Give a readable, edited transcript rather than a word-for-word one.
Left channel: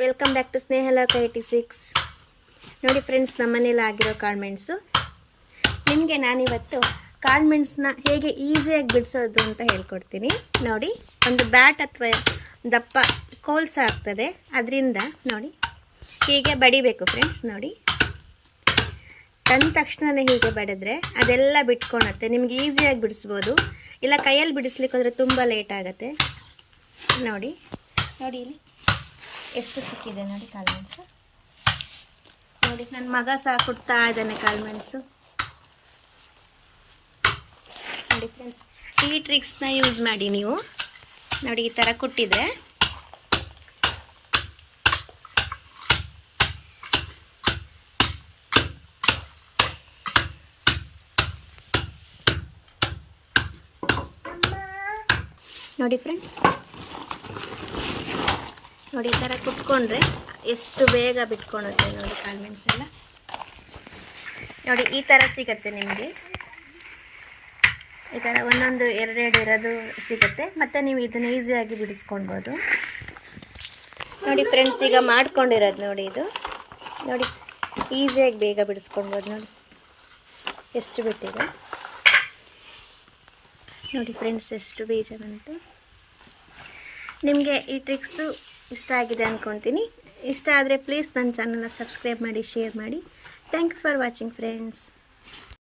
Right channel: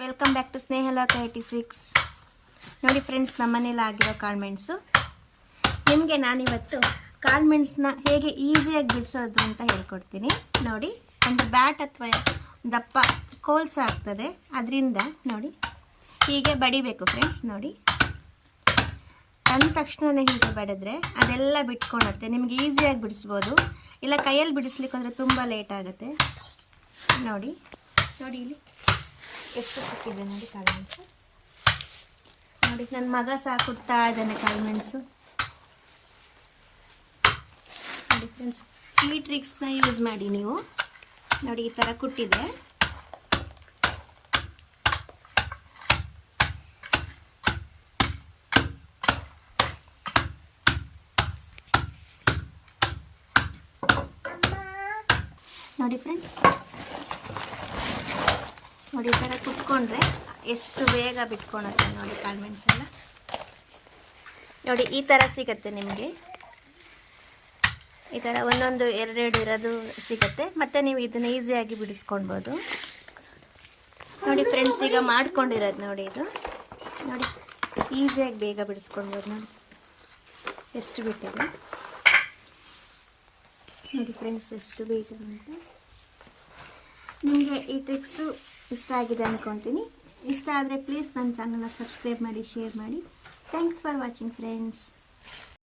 Welcome back to Snehaloka 86. ನೋಡಿ friends, ನಮ್ಮನೇಲಿ ಆಗಿರೋ ಕಾಳ್ಮೆಣಸು. ನಿಮಗೆ ನಾನಿವತ್ತು ಕಾಳ್ಮೆಣಸನ್ನ ಹೇಗೆ ಈಸಿಯಾಗಿ ಬಿಡಿಸೋದು ಅಂತ ಹೇಳ್ಕೊಡ್ತೀನಿ. ನೋಡಿ, ಒಂದು ಬ್ಯಾಟ್ ಅಥವಾ ದಪ್ಪ ಕೋಲ್ಸ ಆಗ್ತದೆ, ಅದರಿಂದ ನೋಡಿ ಹೀಗೆ ಬಡಿಬೇಕು ಫ್ರೆಂಡ್ಸ್. ನೋಡಿ, ತಂದ ತಕ್ಷಣವೇ ಹೀಗೆ ಬಡಿದ್ರೆ ಅದೆಲ್ಲ ಬಿಟ್ಕೊಳತ್ತೆ. ನಿಮ್ಗೆ ಈಸಿಯಾಗಿ ಬಿಡಿಸ್ಬೋದು. ಇಲ್ಲ ಕೈಯಲ್ಲಿ ಬಿಡಿಸ್ಲಿಕ್ಕೆ ಹೋದರೆ ತುಂಬ ಲೇಟ್ ಆಗುತ್ತೆ. ನೋಡಿ ನೋಡಿ ಇಲ್ಲಿ ಎಷ್ಟು ಸಿಕ್ಕಿದೆ ನೋಡಿ ಕಾಳುಮೆಣಸು. ನೋಡಿ, ನನ್ನ ಮಗ ಸಹ ಕೊಡ್ತಾ ಇದ್ದಾನೆ ಕಾಳುಮೆಣಸು. ನೋಡಿ ಫ್ರೆಂಡ್ಸ್, ಈ ಟ್ರಿಕ್ಸ್ನ ಯೂಸ್ ಮಾಡಿ ನೀವು. ನೋಡಿ, ಈ ಥರ ಕುಟ್ಟಿದ್ರೆ ನೋಡಿ ಫ್ರೆಂಡ್ಸ್, ನೋಡಿ ಈ ಥರ ಕುಟ್ಕೊಂಡ್ರೆ ಎಷ್ಟು ಬೇಗ ಬಿಟ್ಕೊಳುತ್ತೆ ನೋಡಿ ಕಾಳುಮೆಣಸೆಲ್ಲ. ನೋಡಿ, ಈ ಥರ ಸಿಗುತ್ತೆ ನಿಮಗೆ. ಈ ಥರ ಒಂದೊಂದು ಎರಡೆರಡು ಇರೋದು ಸಿಗುತ್ತೆ. ಮತ್ತು ನೀವು ಇದನ್ನು ಈಸಿಯಾಗಿ ಬಿಡಿಸ್ಕೊಳ್ಬೋದು. ನೋಡಿ ಫ್ರೆಂಡ್ಸ್, ಈಗ ಮಾಡ್ಕೊಂಡಿರೋದು ನೋಡಿ. ಇದು ನೋಡಿ, ಈಸಿಯಾಗಿ ಬೇಗ ಬಿಡಿಸ್ಕೊಳ್ಬೋದು. ನೋಡಿ ಎಷ್ಟು ಬಿಟ್ಟಿದೆ ನೋಡಿ ಫ್ರೆಂಡ್ಸ್, ಎಷ್ಟು ಬೇಜಾರಂತೆ. ನಿಮಗೆ ಈ ಟ್ರಿಕ್ಸು ಇಷ್ಟ ಆಗಿದೆ ಅಂದ್ಕೊತೀನಿ. ಇಷ್ಟ ಆದರೆ ಪ್ಲೀಸ್ ನನ್ನ ಚಾನಲ್ನ ಸಬ್ಸ್ಕ್ರೈಬ್ ಮಾಡಿ, ಶೇರ್ ಮಾಡಿ. Thank you for watching friends.